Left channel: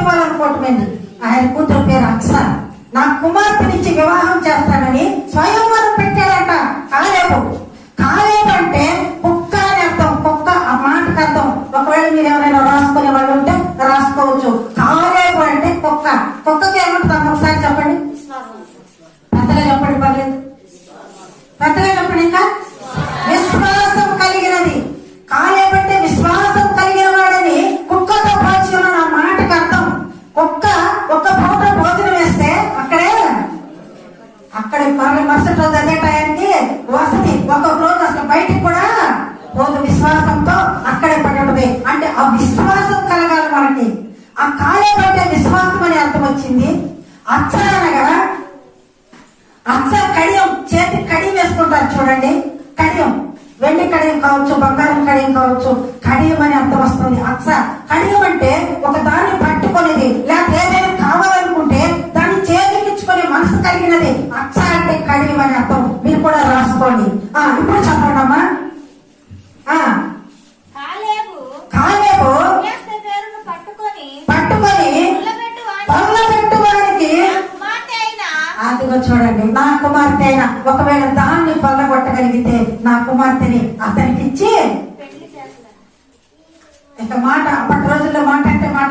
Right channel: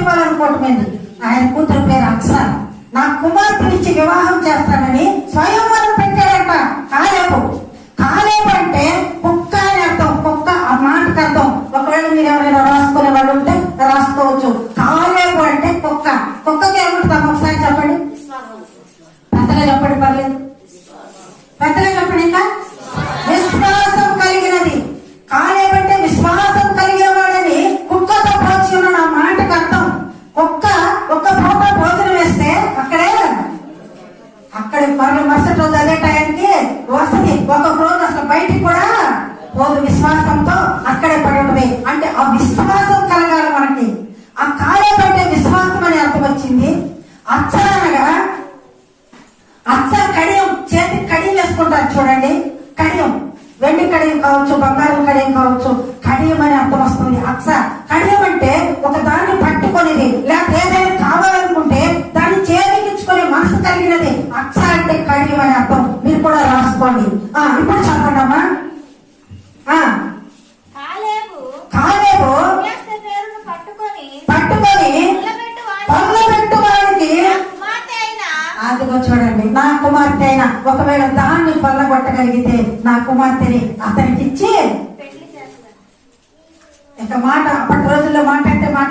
ఇవ్వాలనుకోవటమైంది. ఆయన కూతురు పేరు అక్ష. నా కుమార్తెనిచ్చి వివాహం చేస్తానని స్వయంవరం పెట్టాడంట కాలేబు. కాలేబు అంటే కుక్క అని అర్థం. కుక్క ఆ మాటకు అర్థం. ఒకవేళ మీరు ఎవరైనా రాసుకునే వాళ్ళు ఉంటే రాసుకోవచ్చు. కాలేబు అంటే కుక్క. కుక్కకి ఏమంటుందా ఒకసారి చెప్పండి, పెద్దగా చెప్పండి, పర్లేదు పెద్దగా చెప్పండి. ఇంకా విశ్వాసం కలిగినది. కాలేబు అంటే విశ్వాసం కలిగిన వాడని కుక్కతో పోల్చి ఉన్న నా మాటకు అర్థం. కుక్క ఒక్క పూట భోజనం వేస్తే అక్కడే మరుసటి రోజు అదే టైంకి వసతి. ఒక రోజు అసలు బయటికి కూడా పోదు. విశ్వాసంతో అక్కడే పడటమే. అంటే ఆ విశ్వాసం కలగాలి మనకి. ఆ కాలేబు అంటే విశ్వాసం అని అర్థం వచ్చింది. అచ్చ అనగా అచ్చ కడియం, చేతి కడియం వేసుకుంటారు చూడండి. కడియం వెండి కడియం కావచ్చు, బంగారం కడియం కావచ్చు. కడియం అని అర్థం వస్తుంది. అచ్చ కడియం అంటే ఒక దాన్ని పట్టుకునేది, లేకపోతే ఏదైనా కావాలనుకుంటే దాన్ని చేతికిచ్చుకునే మనసు కలిగినది. అచ్చ అంటే కడియం అని అర్థం. మీరు కూడా రాసుకోండి. ఇప్పుడు చెప్పండి అమ్మా. కాలేబు పట్టుకొని పొల్లబెట్టువాడికి, అదిగో చూడండి, నా కుమార్తె అయినా ఒకవేళ దాన్ని పొల్లగొట్టగలిగితే నా కుమార్తెని అతనికి ఇచ్చి, ఇక మాట అప్పటి రోజుల్లో మాట అంటే మాట